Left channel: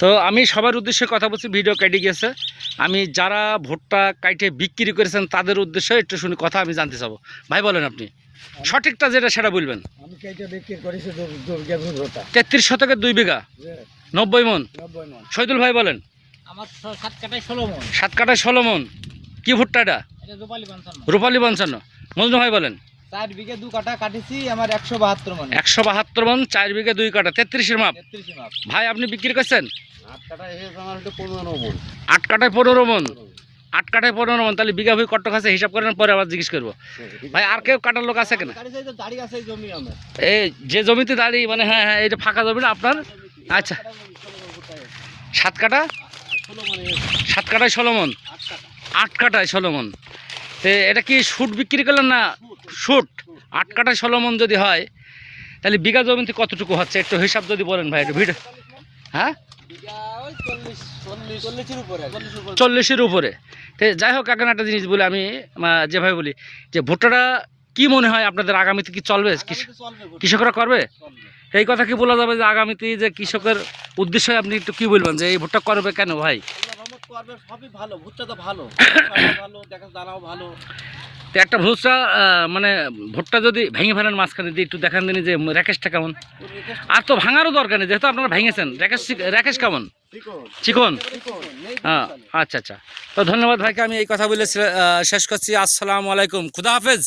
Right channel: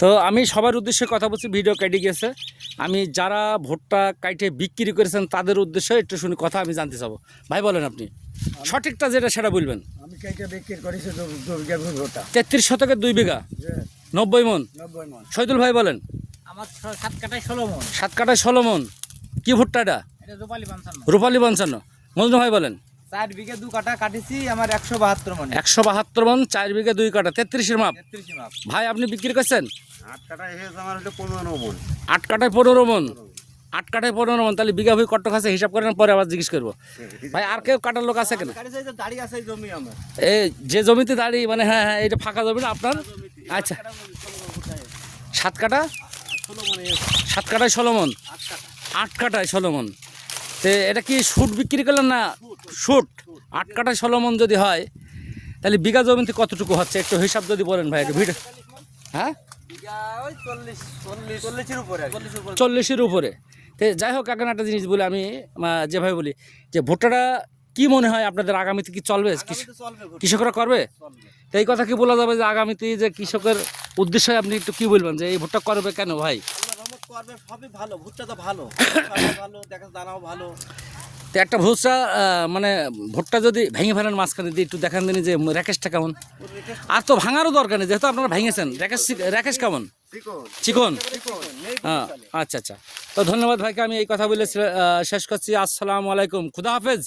তো আমি সবার উদ্দেশ্যে কথা বলছি ভিডিও কেটে গেছে। আমি যারা ভুট্টা কাইটে বিক্রি করেছেন তাদের উদ্দেশ্যে একটু শুনি কথা আমি জানতে চাবো। ভাই বলেন আপনি সঠিকটা যেটা সেটা বলবেন। আমি কেটে বিক্রি করেছি দু- দুর্গা ভুলোটা তেত্রিশ শতকের দুই বিঘা? নব্বই মন? শহীদুল ভাই বলেন। সাত কাটায় ষোলো মন। কি ভুট্টা এটা এটা রূপালী পঞ্চান্ন। রূপালী পঞ্চান্ন। মজনু ভাই বলেন। চার বিঘে দু কাটা কাটিছি আমার একশো বাহাত্তর মন। একশো বাহাত্তর মন চার বিঘা দুই কাটা তেত্রিশের মাপ। মাপ। ভাই আপনি বিক্রি করছেন? আট কাটা এসেছে আমার হলো পনেরো মন। আট কাটায় পনেরো মন। আট কাটায় পনেরো মন তাহলে বিঘা হয়ে কত আছে হিসাব করেন পরে আবার জিজ্ঞেস করব। ভাই আর কেউ কাটার লোক আছে কিনা? এই যে জমিতে দাঁড়িয়ে মানে হ্যাঁ হ্যাঁ এটা ফাঁকা জমি না আপনার? আচ্ছা। সাত কাটা সাত কাটায় ষোলো মন। আট কাটায় ষোলো মন। তো এটা কি শুট বিক্রি করলেন না? শুট আট কাটায় ষোলো মন যদি হয় তাহলে বিঘা জমিতে কতটুকু হচ্ছে? একটু হিসাব যদি বলেন ভাই একটু ভিডিও হ্যাঁ? চল্লিশের উপরে। তো যাই হোক এখন একটা জিনিস বলি আমি যেভাবে বলি যে ভুট্টাটা কি মনে হয় আপনাদের আগামীতে কি চলবে? কৃষ- কৃষকরা করবে? এই কথা কি বলা যাবে যে আগামীতে যে কৃষকের উদ্দেশ্যে আপনি একটু কি বলবেন যে এই ভুট্টা করবে কেন ভাই? করবে সবই ভালো ভুট্টা তো ভালো। ভালো দেখা দানাও ভালো। তো একটা ভুট্টা মানে ভোটটা যদি ভেঙে ফেলেন মাঝখানে, দিয়ে একটু দেখান দিন যে র্যাকেশটা কেমন। আর তো ভাঙারও দরকার নেই, যেহেতু আপনারা ভেঙেছেন। র্যাকেশ র্যাকেশ কেমন? চিকন? হ্যাঁ আচ্ছা আচ্ছা। তো ধন্যবাদ ভাইকে, আমি এই কথা বলে শেষ করছি। আসসালামু আলাইকুম। খুদা হাফেজ।